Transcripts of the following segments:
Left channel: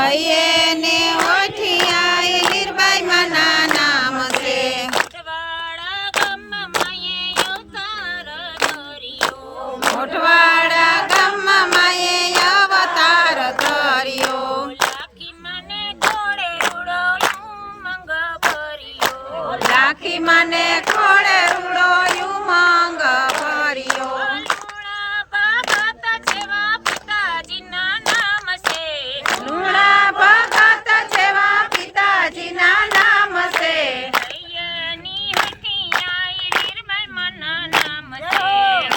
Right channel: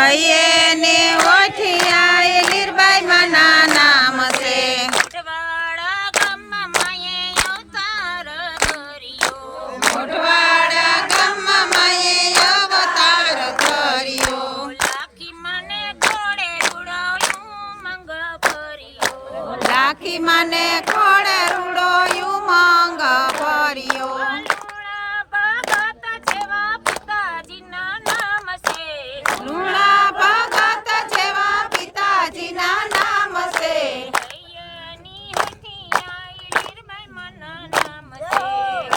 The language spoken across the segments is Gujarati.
હૈયે ને ઓઠિયાએ લીરબાઈ માના નામ છે મોઠવાડા ગામમાં માયે અવતાર ધર્યો મોઠવાડા ગામમાં માયે અવતાર ધર્યો લાખી મને ઘોડે રૂડો મંગ ભર્યો લાખી માને ખોડે રૂડો ઉમંગ ભર્યો લુણા ભગત જેવા પિતાજીના નામ છે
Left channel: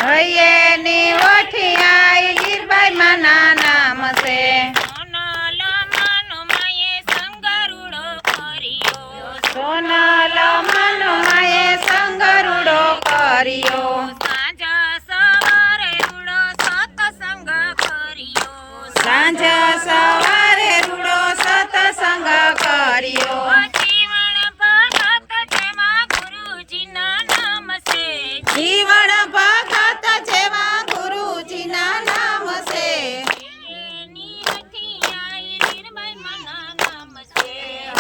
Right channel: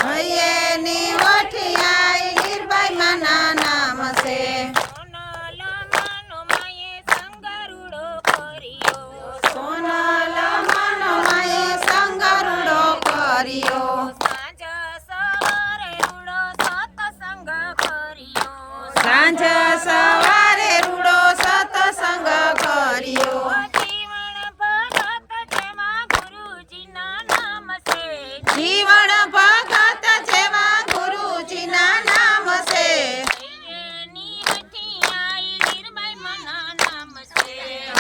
હૈયે ની ઓઠિયાઈ લીરબાઈ માના નામ છે સોનલ મનો માએ સંગરુડો કર્યો સાંજ સવારે રૂડો સતસંગ કર્યો જીવન ભગત જેવા ગુરુજીના નામ છે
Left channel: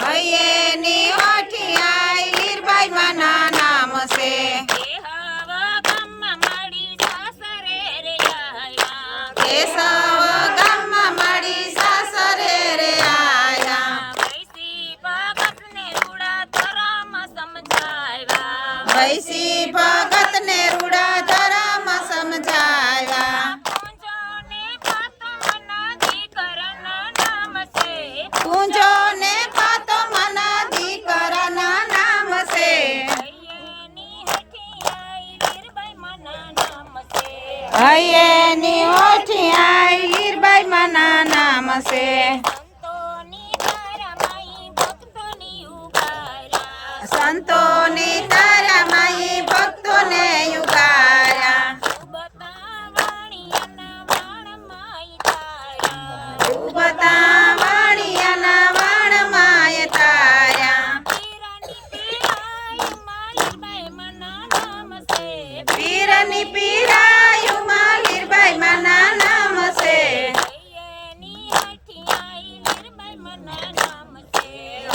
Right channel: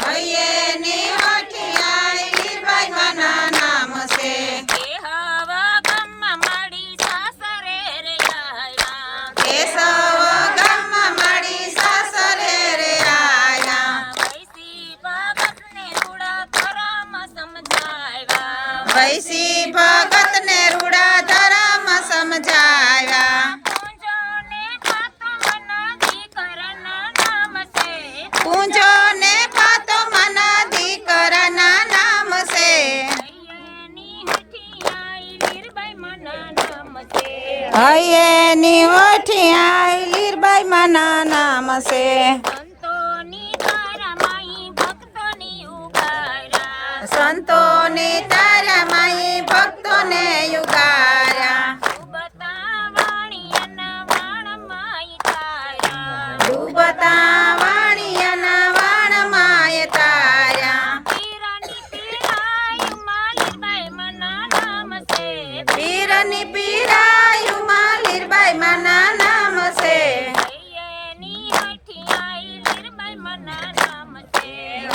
હૈયે ની ઓઠિયાઈ લીરબાઈ માના નામ છે કેશવ ગામમાં માડી સાસરે રે આયા વૈસી ભગત ને રૂડા ધર્મ સમજાવ્યા પૂંજો ને પાતો મના દીકરાના નામ છે હૈયે ની ઓઠિયાઈ લીરબાઈ માના નામ છે સંતોને તારા માએ ભક્તોને યુગાર્યા ડૂબતા વાણિયાના વાણ માય તાર્યા પીરની પીરાયુમાં લીરબાઈ માના નામ છે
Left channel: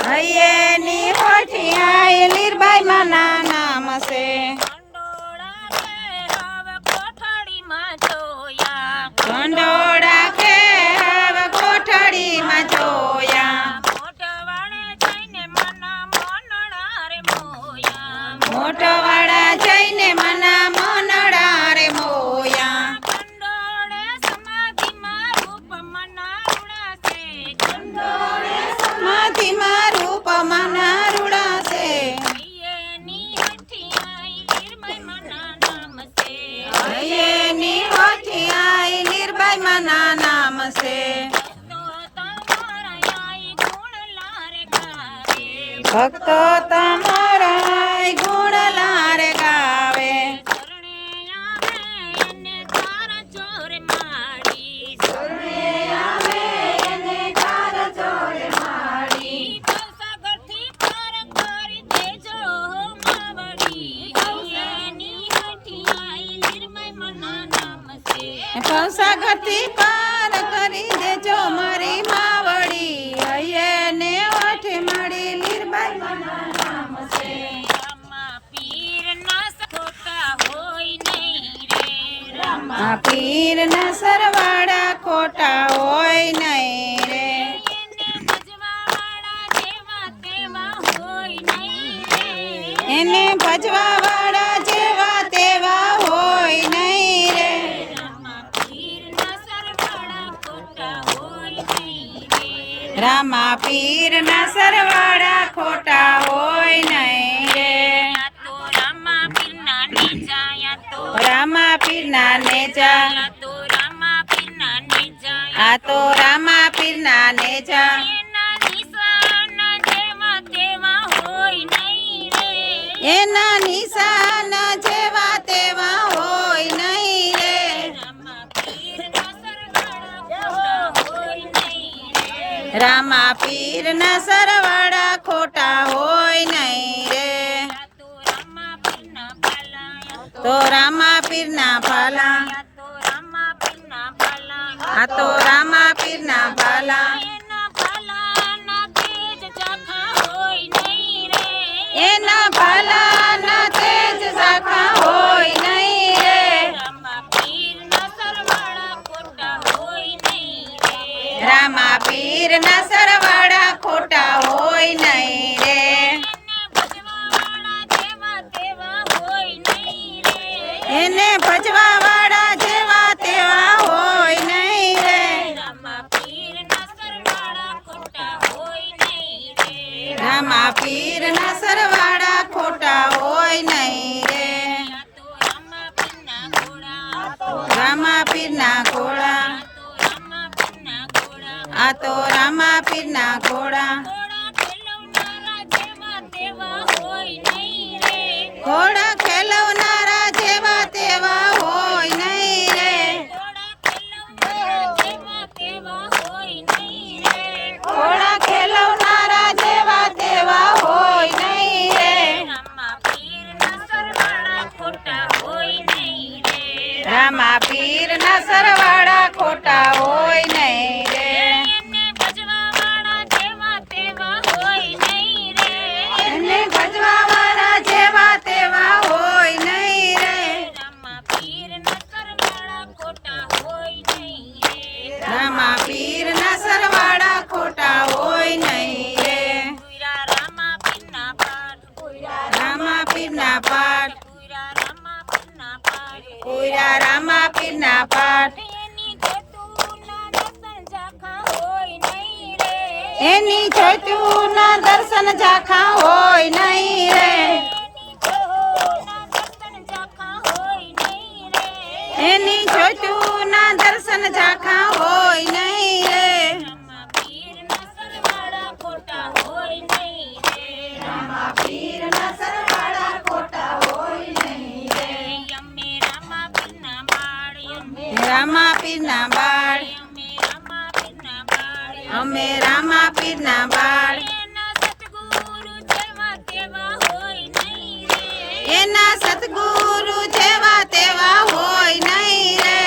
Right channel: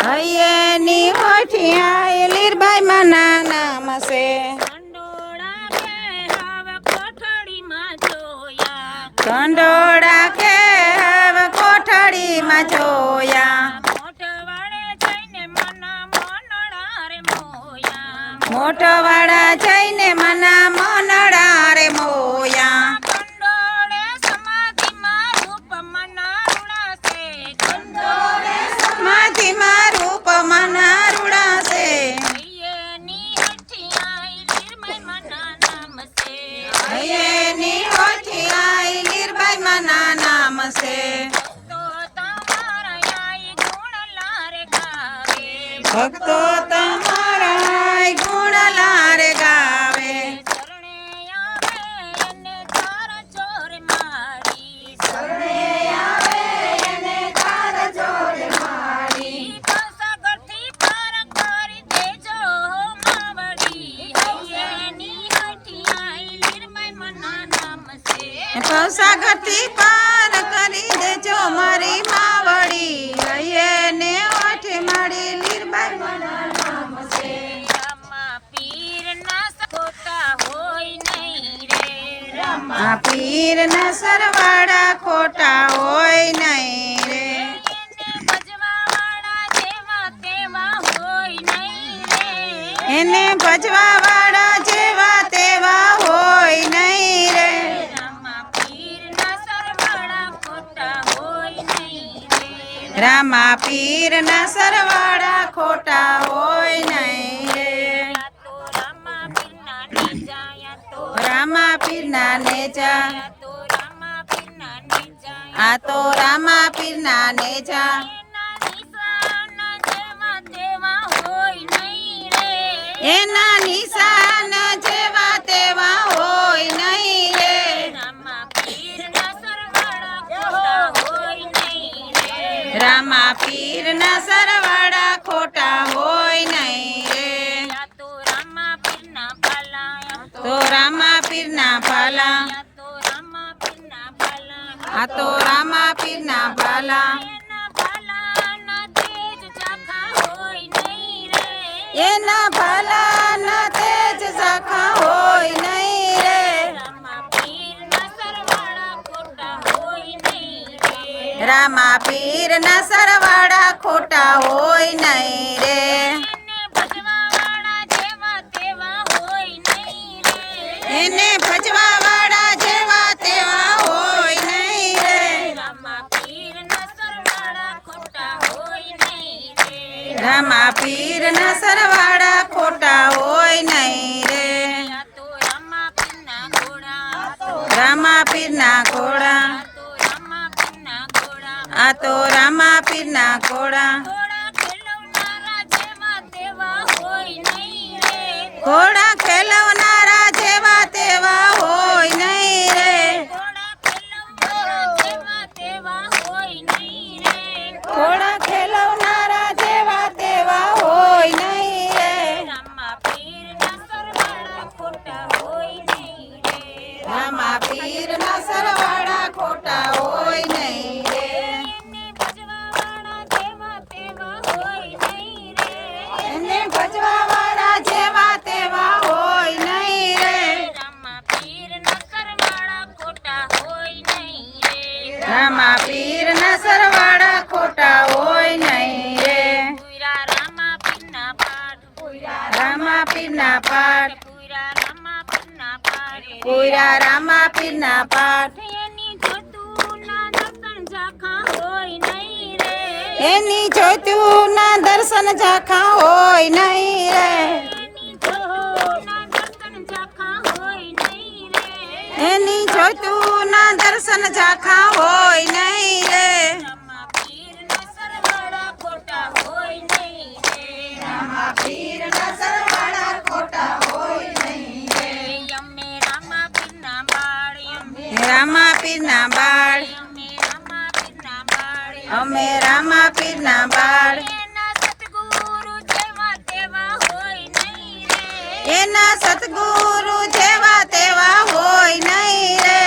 હૈયે ની ઓઠિયાઈ લીરબાઈ માના નામ છે કંડોળા કે હવે કોઠડીમાં જોયા મોટવાડા જઈને મના મોનડા રે મોયા સમાધિમાં રૂપ મના રૂડાશે હૈયે ની ઓઠિયાઈ લીરબાઈ માના નામ છે ભક્તો તમારા ગુણ લારે ગાવે ભવસાગરથી પાર કરી દેજો મારી માવડી હૈયે ને ઓઠે માડી લીરબાઈ માના નામ છે આ પીર ના સરવાળા ખોટા હોય નહીં રે એને ભજવા વાળા જેવા તેવા હોય નહીં રે રામા પીર ના સરવાળા ખોટા હોય નહીં રે રામા પીર ના નેજા આ તો રામા પીર ના નેજા એના નિશાન જેવા તેવા હોય નહીં રે રામા પીર ના સરવાળા ખોટા હોય નહીં રે તો રામા પીર ના ભાલા આ તો રામા પીર ના ભાલા એને ભજવા વાળા જેવા તેવા હોય નહીં રે. રામા પીરના સરવાળા ખોટા હોય નહીં રે. રામા પીરના સરવાળા ખોટા હોય નહીં રે. આ તો રામા પીરના ઘોડા. રામા પીરના ઘોડા. આ તો રામા પીરના આ તો રામા પીરના ઘોડા. ઘોડા. ઘોડા ખેલવનારા જેવા તેવા હોય ઘોડા ખેલવનારા જેવા તેવા હોય નહીં રે. નહીં રે. ઘોડા ખેલવનારા જેવા તેવા હોય નહીં રે. રામા પીરના સરવાળા ખોટા હોય નહીં રે. એને ભજવા વાળા જેવા તેવા હોય નહીં રે. રામા પીરના સરવાળા ખોટા હોય નહીં રે. રામા પીરના પાઠ. કોઈરા રામા પીરના પાઠ. એની જ્યોતિઓના દર્શન ઝાંખા હોય નહીં રે. એની જ્યોતિઓના દર્શન ઝાંખા હોય નહીં રે. રામા પીરના સરવાળા ખોટા હોય નહીં રે. રામા પીરના બાળ. અમે રામા પીરના બાળ. એના સતગુરુ જેવા તેવા હોય નહીં રે.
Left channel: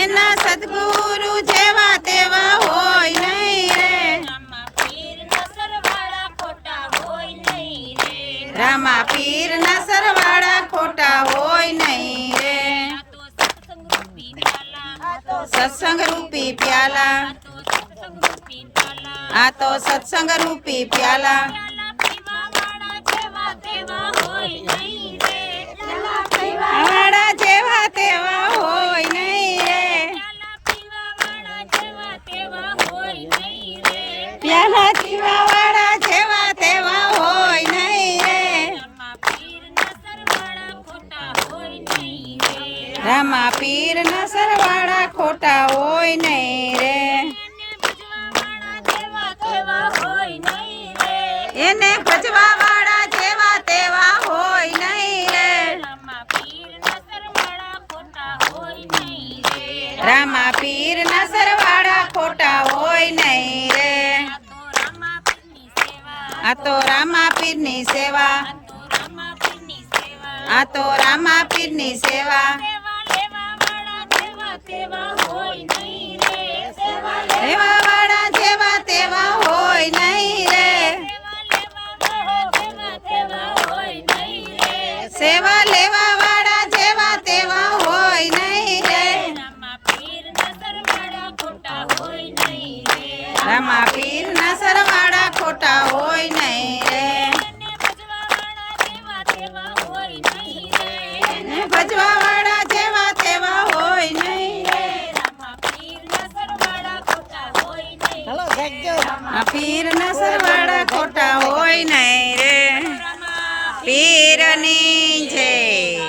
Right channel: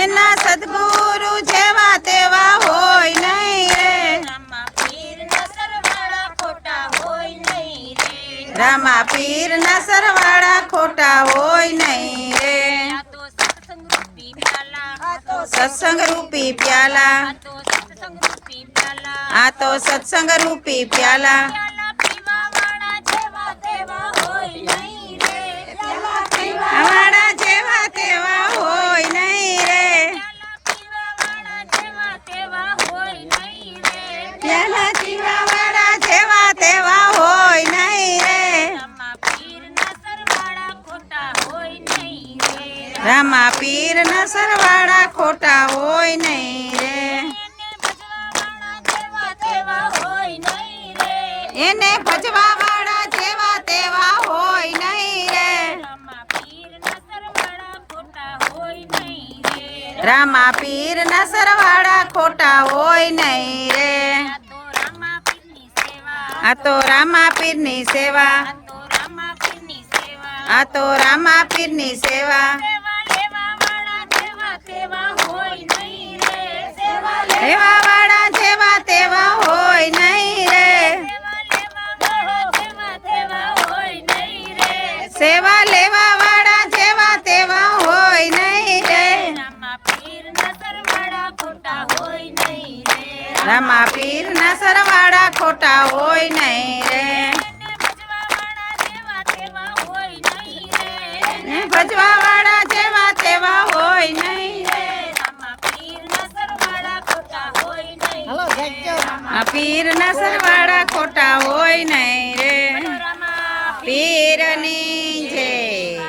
એના સદગુરુ જેવા તેવા હોય નહીં રે. રામા પીરના સરવાળા ખોટા હોય નહીં રે. સત્સંગ રૂપી પ્યાલા. આ તો સત્સંગ રૂપી પ્યાલા. વાળા જેવા તેવા હોય નહીં રે. પ્યાલા પીવા વાળા જેવા તેવા હોય નહીં રે. રામા પીરના સરવાળા ખોટા હોય નહીં રે. એને ભજવા વાળા જેવા તેવા હોય નહીં રે. રામા પીરના સરવાળા ખોટા હોય નહીં રે. આ તો રામા પીરની સેવા. આ તો રામા પીરની સેવા. એવા વાળા જેવા તેવા હોય નહીં રે. સેવા લેવા વાળા જેવા તેવા હોય નહીં રે. રામા પીરના સરવાળા ખોટા હોય નહીં રે. ને ભજવા વાળા જેવા તેવા હોય નહીં રે. આ પીરના સરવાળા ખોટા હોય નહીં રે. પીરની જય.